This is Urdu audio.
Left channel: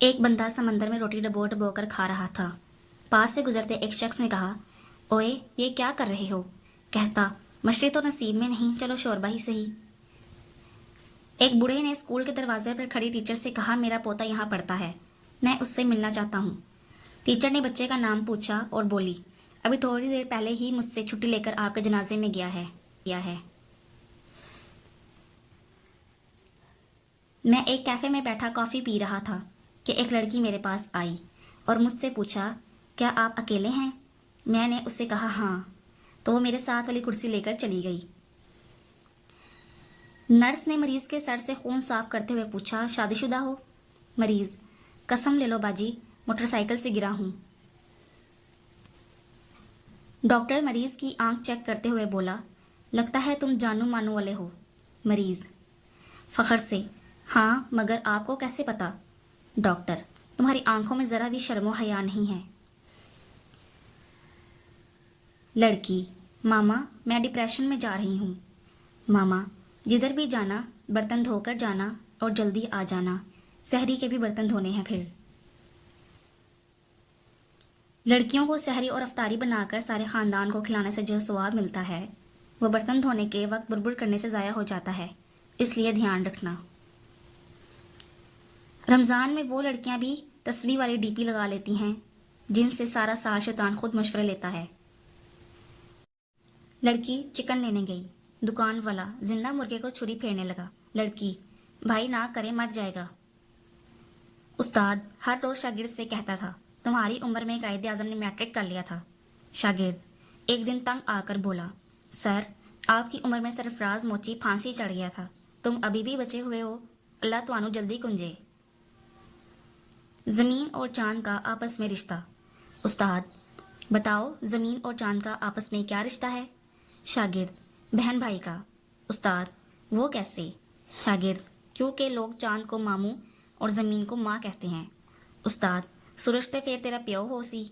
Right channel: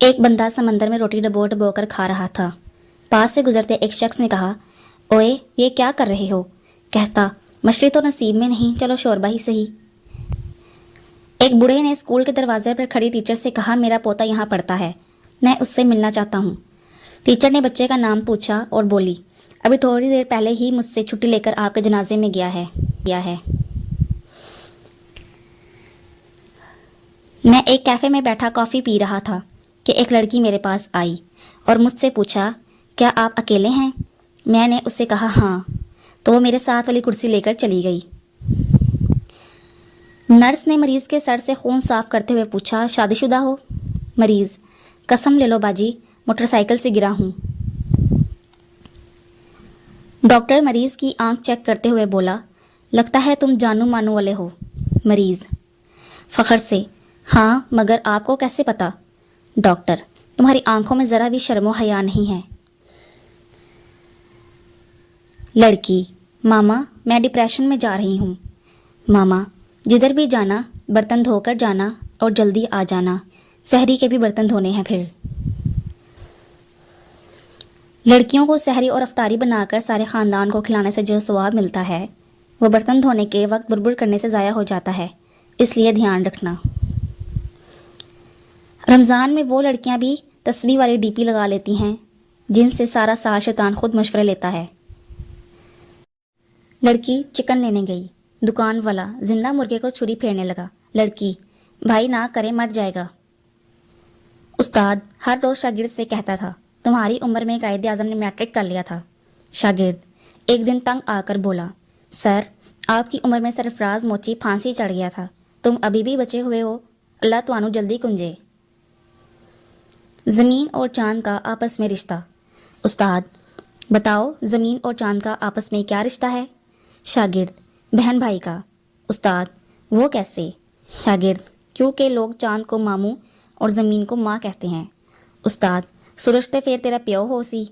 ایک بندہ سمندر میں روٹی ڈبو ڈبو کر کھا رہا تھا۔ پاس سے گزرتے ایک شخص نے کہا، اوئے یہ کیا کر رہے ہو؟ کہتا، مچھلی تو نصیب میں نہیں، چلو شوربہ ہی صحیح۔ ایک بوڑھے نے اسکول کے دروازے پر کھڑی ٹیچر سے کہا، میرا پوتا یہاں پڑھتا ہے، میں اس سے ملنا چاہتا ہوں۔ ٹیچر نے بچے کا نام پوچھا اور بولی، ابھی تھوڑی دیر پہلے ہی مجھ سے چھٹی لے کر آپ کے جنازے میں گیا ہے۔ میں ایک کیفے میں بیٹھا کافی پی رہا تھا کہ ایک لڑکی میرے پاس آئی اور مجھ سے پوچھا، کیا آپ اکیلے ہیں؟ میں نے اس سے کہا ہاں، تو وہ میرے ساتھ والی کرسی لے کر چلی گئی۔ نرس نے مریض کے سر سے خون صاف کرتے ہوئے پوچھا، شادی شدہ ہو؟ مریض، قسم لے لو باجی، موٹر سائیکل سے گرا ہوں۔ ڈاکٹر مریض کی آنکھ چیک کرتے ہوئے بولا، لگتا ہے تم جانو مانو والے ہو۔ مریض، فخر سے، ہاں مگر آپ کو کیسے پتا؟ ڈاکٹر، تمہاری آنکھوں میں ذرا بھی شرم و حیا نہیں ہے۔ لڑکی، ماما میں ڈپریشن میں جا رہی ہوں۔ ماما، جدھر بھی جانا برتن دھو کر جانا اور جلدی آ جانا، سحری کے بھی برتن دھونے ہیں پھر۔ لڑکیوں کو سحری اور افطاری بنا کر سارے خاندان کو کھلانے سے جو ثواب ملتا ہے وہ برتن دھونے کے وقت بربر کرنے سے ضائع ہو جاتا ہے، اس لیے دھیان رکھنا۔ رمضان میں وہ لڑکیاں بھی تسبیح والی ڈی پی لگا لیتی ہیں جن سے سارا سال شیطان خود مشورے لیتا ہے۔ لڑکی چکن لینے گئی، دکان والا زندہ مرغے کو چھری پھیرنے لگا۔ لڑکی، بھائی نہ کرے مر جائے گا۔ استاد ہر روز شاگرد سے کہتا تھا، تمہاری عمر میں قائد اعظم نے میٹرک کر لیا تھا۔ شاگرد ایک دن تنگ آ کر بولا، سر آپ کی عمر میں سرفراز موچی پھانسی چڑھ گیا تھا، تم ابھی بھی بچے ہوئے ہو، اللہ توانو جلدی کنجے۔ زمین اور چاند کا آپس میں رشتہ۔ استاد بتاؤ زمین اور چاند کا آپس میں کیا رشتہ ہے؟ شاگرد بہن بھائی کا۔ استاد وہ کیسے؟ شاگرد کیونکہ لوگ چاند کو ماموں اور زمین کو ماں کہتے ہیں۔ استاد سورج تے پھر تیرا پیو ہو سی۔